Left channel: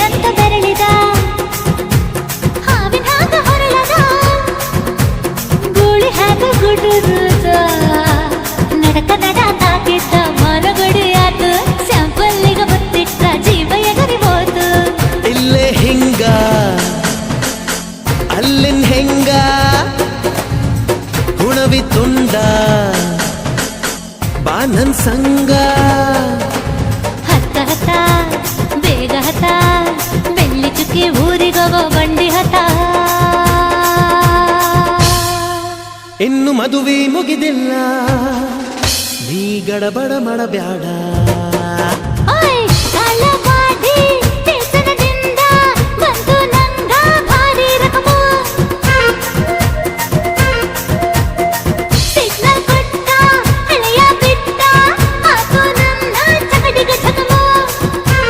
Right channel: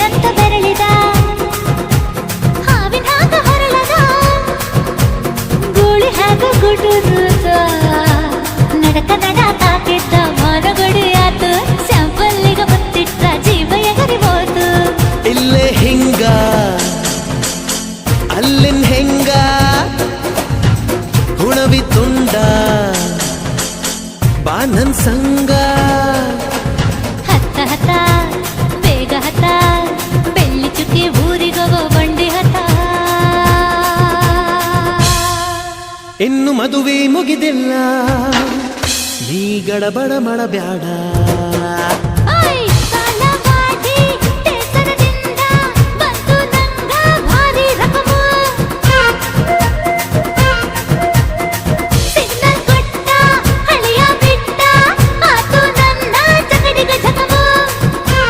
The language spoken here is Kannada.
ಏನಂತ ಬೆರಳಿದ ಹಾವಿನ ಹಾಗ ಹೊರಳದ ಗೂಳಿ ಹಾಗ ಗುಡುರುದ ನಡಕ ನಡ ತಾಕಿದ್ದ ಮನಗಡಿ ಆತು ಸ್ಯಾಂಪಲ್ಲಿಗ ಮುತ್ತಿಟ್ಟ ಜೀವ ಎಗರಿಬೋದು ಇಲ್ಲೇ ಹಿಂಗ ಅಲ್ಲಿನ್ ಹೆಂಗ ಹುಣವಿ ತುಂಡ ಬಾ ನನ್ ಸಂಗ ಹತ್ತ ಹತ್ತ ಬೇಗ ಹತ್ತ ಬೆಳ್ಳಿ ಚುಕ್ಕಿ ಊರಿಗೋಗೋ ಬಂಡಿ ಹತ್ತ ಇನ್ನು ಮದುವೆ ಮುಗಿದಿಲ್ಲ ನೀ ಗಡಬಡ ಮಾಡಬ್ಯಾಡ